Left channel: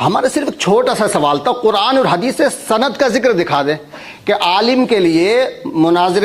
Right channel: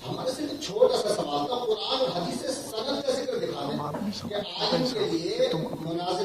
ہمارا صرف ایک چھوٹا سا سوال تھا، قرآن اور حدیث سے سند کا ذکر دکھا دیں کہ عالم کے لیے مناظر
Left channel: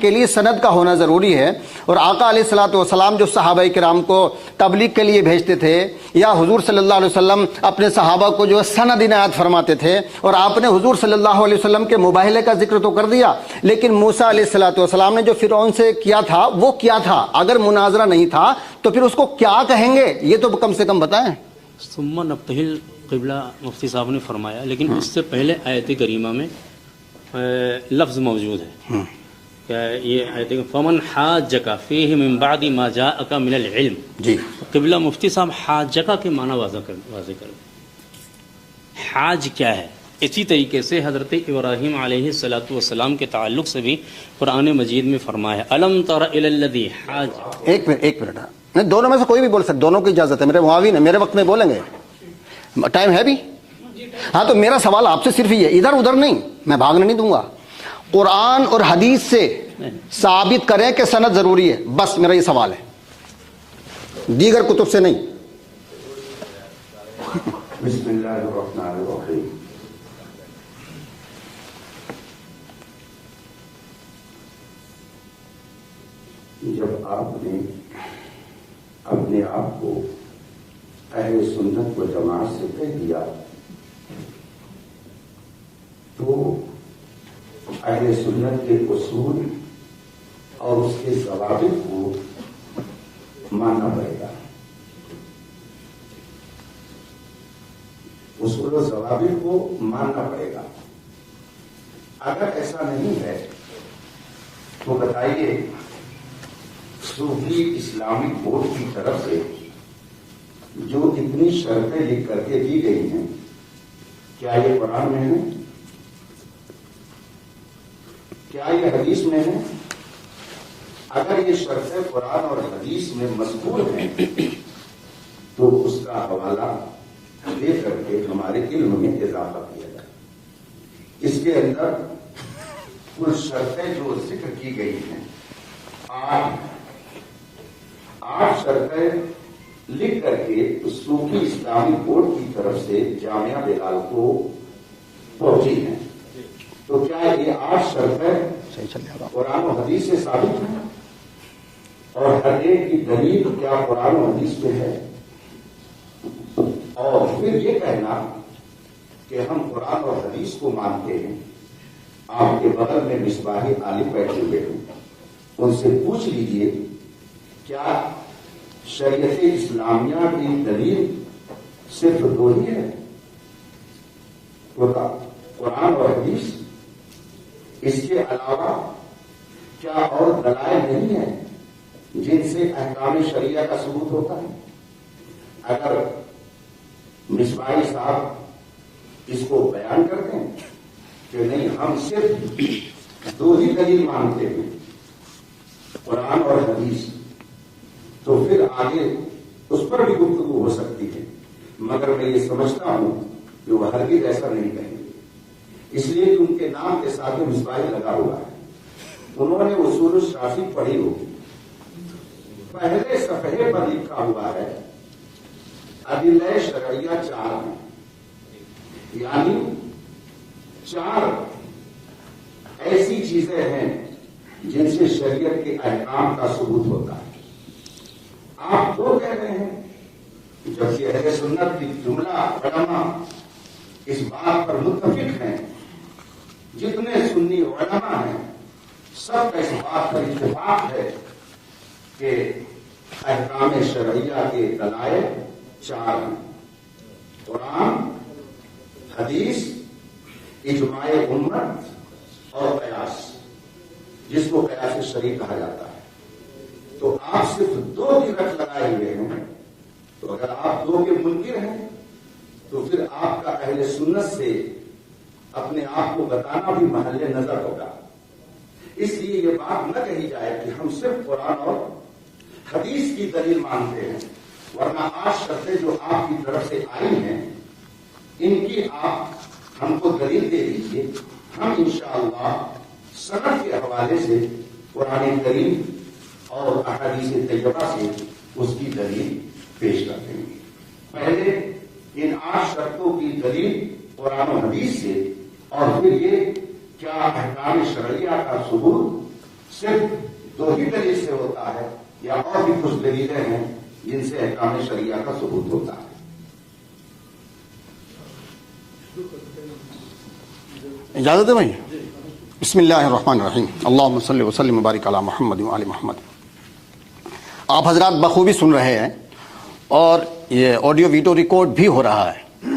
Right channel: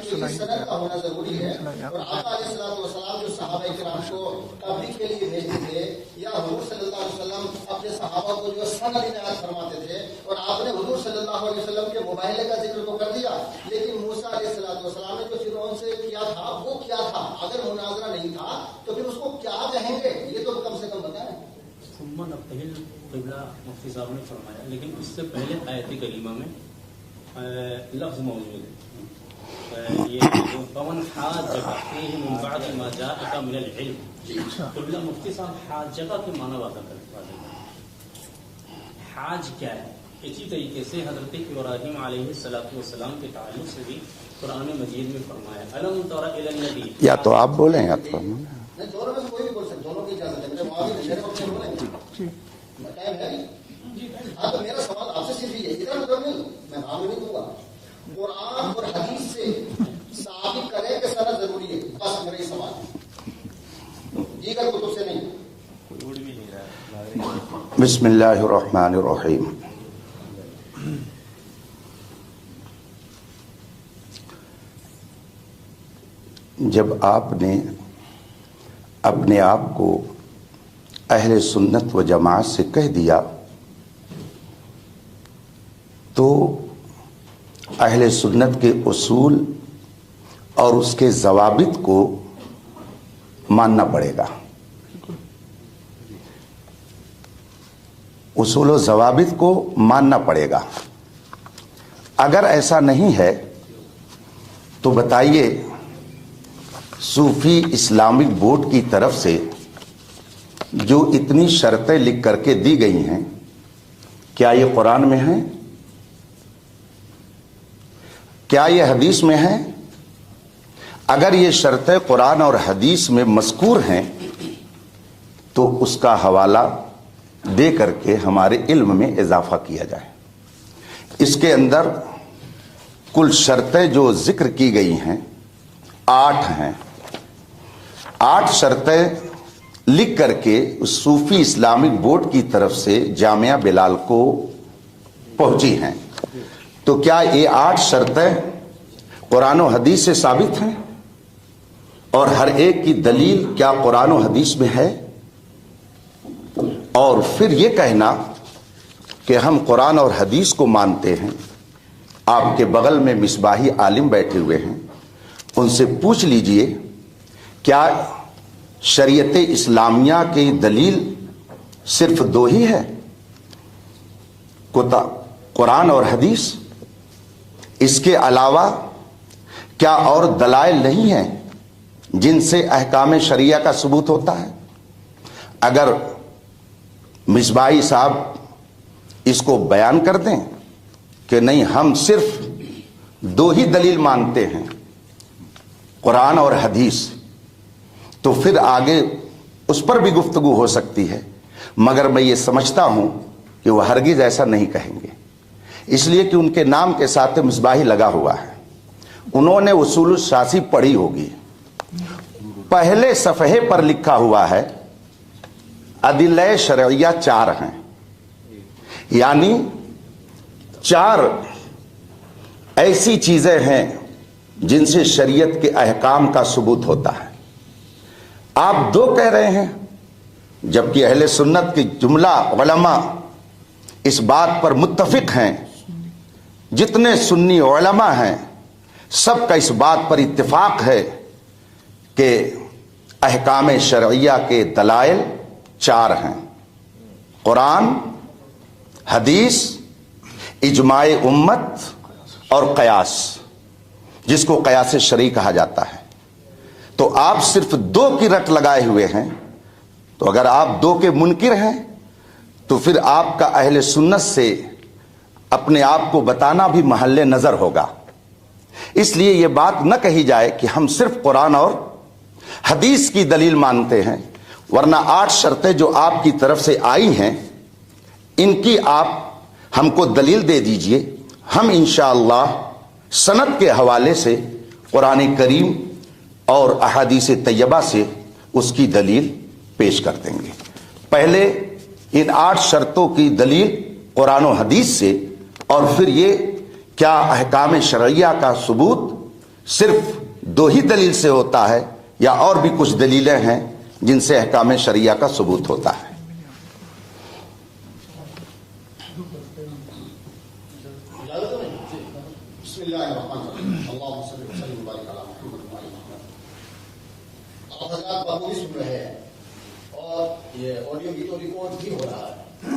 کے لیے سند کا ہونا ضروری ہے۔ اور آقا علیہ الصلوۃ والسلام جو صحابہ کرام کو تبلیغ کے لیے بھیجتے تھے، یا حضور صلی اللہ علیہ وسلم اپنے صحابہ کو جو سند عنایت فرماتے تھے، اور آپ نے حضور صلی اللہ علیہ وسلم کے مباہلے کا ذکر تو کر دیا، لیکن موسیٰ علیہ الصلوۃ والسلام نے جو فرعون سے کیا تھا وہ کیا تھا؟ اگر مناظرہ نہیں تھا تو پھر اس کو کیا کہیں گے؟ یہ تو کم سے کم بتائیں۔ ثم نبتہل قبلہ مفتی صاحب نے فرمایا، لیکن اس سے پہلے آیت کریمہ میں لفظ موجود ہے کہ یہ فمن حاجک فیہ من بعد ما جاءک من العلم۔ جی قبلہ مفتی صاحب حاجک کے معنی واضح کریں، حاج کیا ہے؟ اسی طریقے سے حضرت ابراہیم علیہ السلام کے تعلق سے بھی قرآن مجید میں فرمایا الم تر الی الذی، یا تو آپ بولیں، ایک منٹ، نہیں دونوں میں سے کوئی بھی بول سکتے، دونوں کی اجازت ہے، میرے معاون ہیں، میرے وقت میں بولیں گے، ٹائم ہے بھی؟ ہاں تو میرا سوال آپ سے صرف یہ ہے، ادھر ادھر نہیں، میں بھاگنے نہیں دوں گا، قرآن اور حدیث سے ثابت کریں کہ سند ضروری ہے، بس میرا یہ سوال ہے، دیگر کتب سے نہیں۔ بسم اللہ الرحمن الرحیم۔ جب آپ نے اپنے آپ کو اہل سنت و جماعت سے کہہ دیا تو اہل سنت کے اصول اور اس کے ضوابط کو ماننا پڑے گا۔ اصول و ضوابط کو ماننا پڑے گا۔ اگر ایسا نہیں ہے تو بتائیے، صوفی اسلامک بورڈ کی طرف سے جو اتنی شرطیں لکھ کر کے دی گئی ہیں، کیا یہ قرآن میں ہیں؟ کیا یہ حدیث میں ہیں؟ اگر یہ شرطیں قرآن اور حدیث میں مذکور ہیں تو اس کا حوالہ دے کر کے ہمارے علم میں اضافہ کیا جائے۔ اس کے اندر کل شرطیں جو ذکر کی گئی ہیں 8 ہیں۔ 8 شرطیں لکھ کر کے اس صوفی اسلامک بورڈ کی طرف سے جامعہ بلال کو پہنچی ہیں، تو کیا یہ 8 شرطیں قرآن و حدیث سے ثابت ہیں؟ اور ہر ایک کی دلیل کیا قرآن و حدیث میں ہے؟ اور پھر یہ کہنا کہ ہم قرآن اور حدیث کو مانتے ہیں۔ آپ کے بغل میں مصباحی عالم بیٹھے ہوئے ہیں، ان سے پوچھ لیجئے کیا شریعت اسلامیہ کی دلیل صرف 2 ہی ہے، قرآن اور حدیث؟ اس کے علاوہ کیا اور دلائل نہیں ہیں جن سے احکام شریعہ کا ثبوت ہوتا ہے؟ اگر مصباحی صاحب اس کو بیان کر دیں کہ نہیں، ہم صرف 2 ہی دلیل مانتے ہیں، قرآن اور حدیث، تو پھر آگے اس پر بھی گفتگو ہو سکتی ہے، مگر میں یہ سمجھتا ہوں کہ وہ ہرگز ایسا نہیں کہیں گے، اس لیے کہ ان کے نام کے ساتھ مصباحی لگا ہوا ہے۔ انہوں نے اصول الشاسی پڑھی ہوگی، پہلے صفحے پر لکھا ہوا ہے ادلہ شرعیہ 4 ہیں، یعنی 4 ایسی چیزیں ہیں جن سے شریعت کے احکام کا ثبوت ہوتا ہے۔ آپ 2 کہہ رہے ہیں، جبکہ اہل سنت کی جملہ علماء اس بات پر متفق ہیں، جتنے سنی علماء ہیں سب کا اس بات پر اتفاق ہے کہ احکام شرعیہ کے دلائل 4 ہیں: قرآن، حدیث، اجماع امت اور قیاس، جس کو قیاس شرعی کہا جاتا ہے۔ تو آپ صرف 2 کی رٹ لگائے ہوئے ہیں، تو اگر آپ 2 کے منکر ہیں تو پھر آپ کا اہل سنت سے اپنے آپ کو بتانا بھی محل نظر ہوگا۔ اس لیے یہ بات نہ کہی جائے کہ ہم صرف قرآن اور حدیث کی دلیل مانتے ہیں، ورنہ 8 شرطیں جو آپ کی طرف سے آئی ہیں ان کی آپ ہم کو دلیل دے دیجئے، ہم انشاءاللہ سند کے حوالے سے قرآن کریم اور احادیث طیبہ سے اس کی دلیل پیش کر دیں گے۔ پہلے ان 8 شرطوں کی دلیل قرآن و حدیث سے، اور پھر یہ کیا احکام شرعیہ کا ثبوت صرف 2 ہی دلیل سے ہوتا ہے یا اور بھی کچھ دلیلیں ہیں جن سے احکام شرعیہ کا ثبوت ہوتا ہے؟ اجازت ہے بھائی؟ بسم اللہ الرحمن الرحیم، اللہم صلی وسلم وبارک علی محمد وعلی محمد۔ آپ حضرات بخوبی سن رہے ہیں اور یہ آڈیو ویڈیو ریکارڈ بھی ہو رہا ہے۔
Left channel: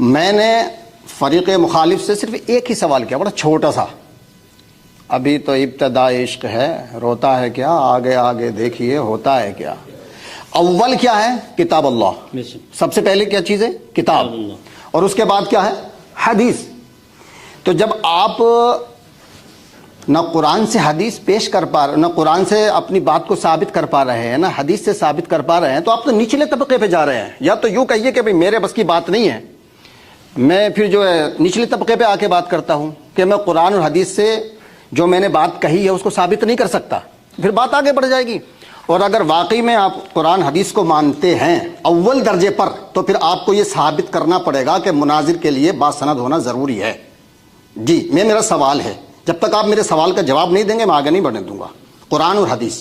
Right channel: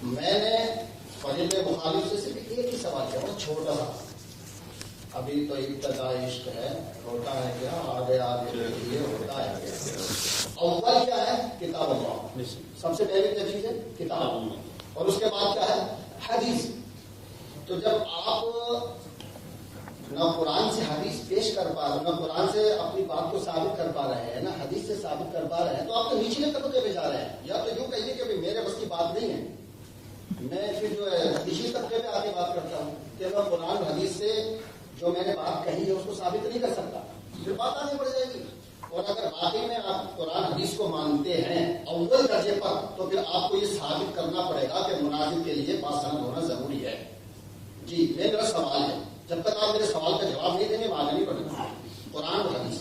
میں نے فریق مخالف سے صرف ایک ہی سوال کیا، بڑا چھوٹا سا، ابھی تو ابتدا عشق ہے، روتا ہے کیا، آگے آگے دیکھیے ہوتا ہے کیا۔ اول کیا ہے؟ کتاب اللہ، سب سے پہلے کیا چیز ہے؟ کتاب، اور اس کے بعد کیا ہے؟ حدیث۔ تو جب آپ نہ قرآن سے حدیث پیش کر پا رہے، نہ قرآن سے اپنی بات کو ثابت کر پا رہے ہیں، نہ حدیث سے ثابت کر پا رہے ہیں، تو آپ تو نچلے طبقے پہ جا رہے ہیں۔ یا تو یوں کہیے کہ بھئی میرے بس کی بات نہیں ہے، میں پھر جو ہے نچلے طبقے پہ آ کے بات کرتا ہوں کہ میں قرآن اور حدیث سے جو میں نے بات کہی ہے اس کو ثابت نہیں کر سکتا، پھر بات آگے بڑھ جائے گی۔ اور اگر واقعی میں آپ قرآن حدیث کو مانتے ہیں اول درجے پر، تو پھر آپ کو یہ ثابت کرنا پڑے گا کہ مناظر کے لیے باسند ہونا ضروری ہے۔ جی، میرا سوال ہے، جب تک آپ میرے سوال کا جواب نہیں دیں گے میں آگے نہیں بڑھنے دوں گا۔ قرآن اور حدیث،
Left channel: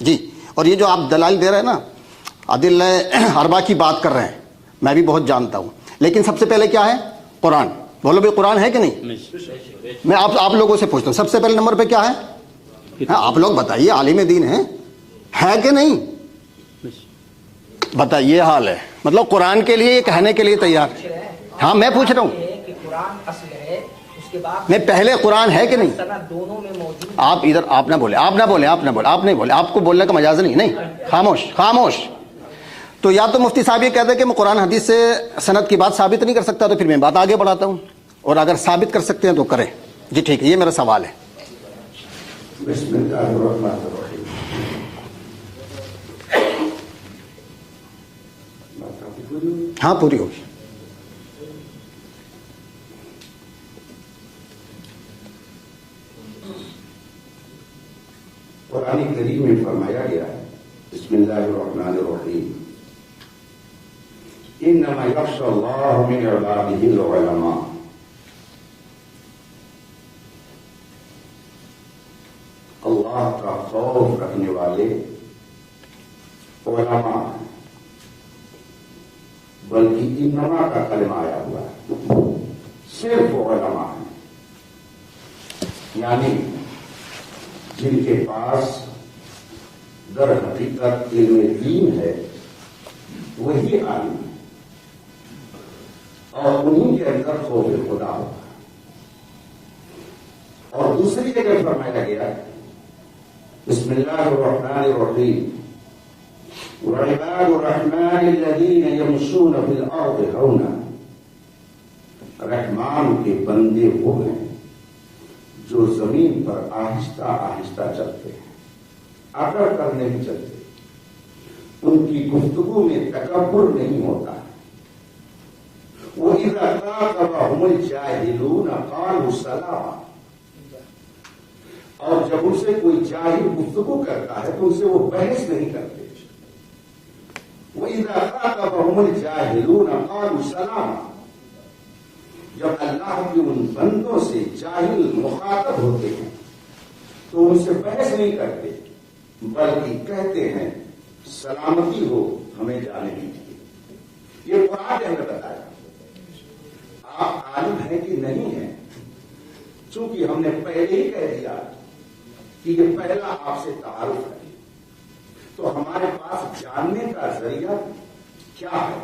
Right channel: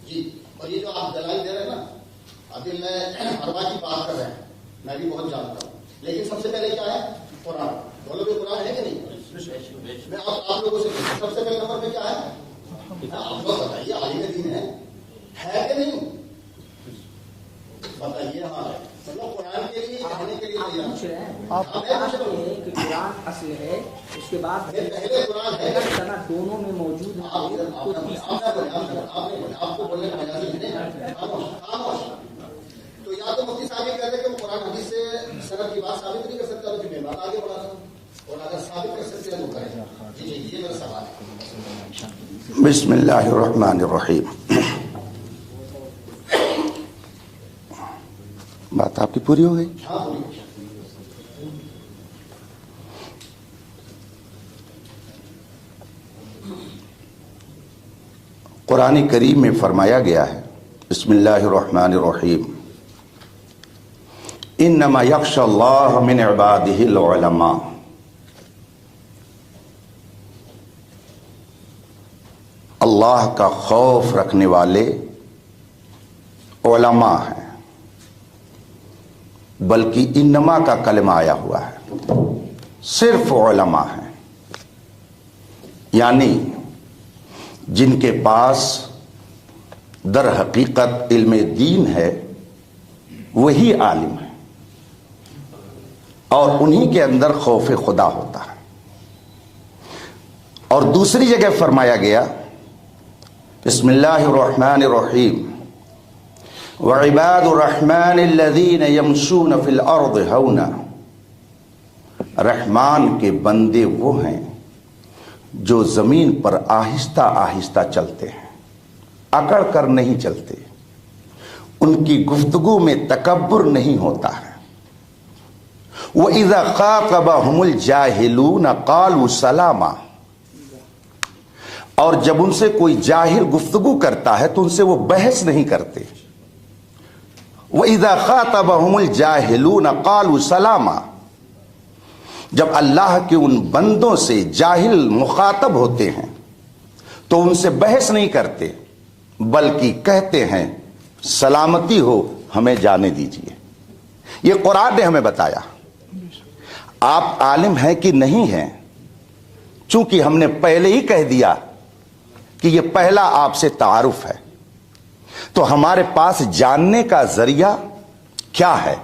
جی، اور یہ جو آپ دلائل دے رہے ہیں نا، ادلہ اربعہ کی بات کر رہے ہیں، میں بھی بہت جانتا ہوں، لیکن سب سے پہلے کیا ہے؟ قرآن۔ بولو بھائی قرآن ہے کہ نہیں؟ میں آپ لوگوں سے پوچھتا ہوں، سب سے پہلے نمبر پہ کیا ہے؟ آپ لوگ بتائیے، عالم دین ہے کہ نہیں؟ بتائیے، حال ہے مطلب قرآن کے لیے یہ کہنے کے لیے تیار ہے؟ ہاں میں پوچھ رہا ہوں، میں پہلے قرآن ہے کہ نہیں؟ آپ ادھر آپ نہ بولے، آپ نہیں بولے، آپ کو بولنے کا مجاز نہیں، خاموش۔ تو یا تو مفتی صاحب یہ کہتے ہیں کہ میں قرآن حدیث سے سند کی بات ثابت نہیں کر سکتا، تو پھر میں بات آگے بڑھاتا ہوں، اور اگر ثابت کر سکتے ہیں تو کریں۔ جی ٹھیک ہے، یہ میرا سوال ہے۔ بسم اللہ الرحمن الرحیم۔ بات آپ کی پوری ہو گئی؟ ہاں پوری ہوگی۔ قرآن کریم میں فرمایا گیا ہے، بسم اللہ الرحمن الرحیم، انما یخشی اللہ من عبادہ العلماء۔ اللہ کا خوف رکھنے والے علماء ہیں، بلکہ انما کا کلمہ آیا ہوا ہے، صرف علماء ہیں، یعنی جن کے پاس در حقیقت علم دین ہے وہی عالم ہے، اور انہی کے اندر خوف خدا ہوتا ہے۔ اور دوسری جگہ فرمایا گیا، بسم اللہ الرحمن الرحیم، وعباد الرحمن الذین یمشون فی الارض ہونا۔ رحمان کے بندے وہ ہیں جو زمین پر آہستہ آہستہ چلتے ہیں، اکڑ کر نہیں چلتے، ان کی گفتگو میں تکبر نہیں ہوتا ہے۔ وَإِذَا خَاطَبَهُمُ الْجَاهِلُونَ قَالُوا سَلَامًا، اور جب ان سے کوئی جاہل گفتگو کرتا ہے تو ان سے وہ بحث نہیں کرتے۔ وَإِذَا خَاطَبَهُمُ الْجَاهِلُونَ قَالُوا سَلَامًا، جب اللہ کے ان بندوں سے جاہل مخاطب ہوتے ہیں تو ان سے بحث نہیں کرتے، بلکہ کہتے ہیں سلامتی ہو، ہمیں جانے دیجیے۔ یہ قرآن نے ہمیں بتایا۔ آپ عالم ہیں کہ نہیں ہیں، چونکہ ہم نے پہلے ہی کہہ دیا کہ یہ پہلا آپ سے تعارف ہے، تو ہمارے پاس جاننے کا ذریعہ کیا ہے؟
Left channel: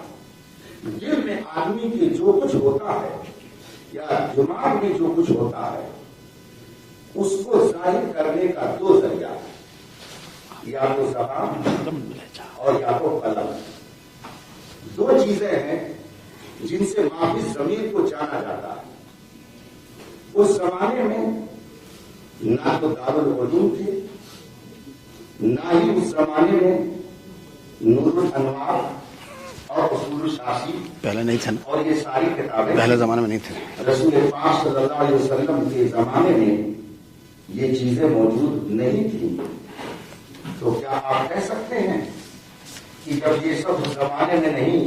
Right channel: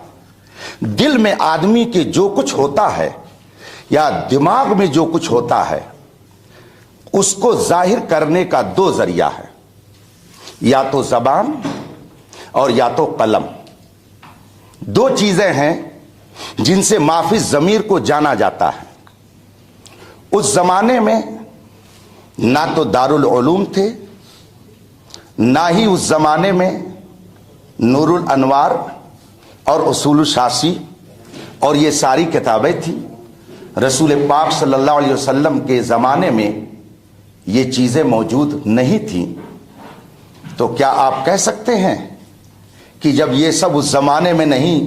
دل میں آدمی کے جو کچھ ہوتا ہے یا دماغ میں جو کچھ ہوتا ہے اس کو ظاہر کرنے کا 2 ذریعہ ہے، یا تو زبان اور یا تو قلم۔ 2 چیزیں ہیں جن سے مافی ضمیر کو جانا جاتا ہے۔ اس زمانے میں نہ تو دارالعلوم تھے، نہ ہی اس زمانے میں نور الانوار اور اصول الشاسی پہلے نہیں تھے، اور یہ ساری کتابیں پہلے تھیں۔ زمانے میں نہیں تھے۔ رسول پاک صلی اللہ علیہ وسلم کے زمانے میں یہ چیزیں موجود نہیں تھیں، تو کیا آپ کہہ سکتے ہیں کہ جب یہ سب اس زمانے میں نہیں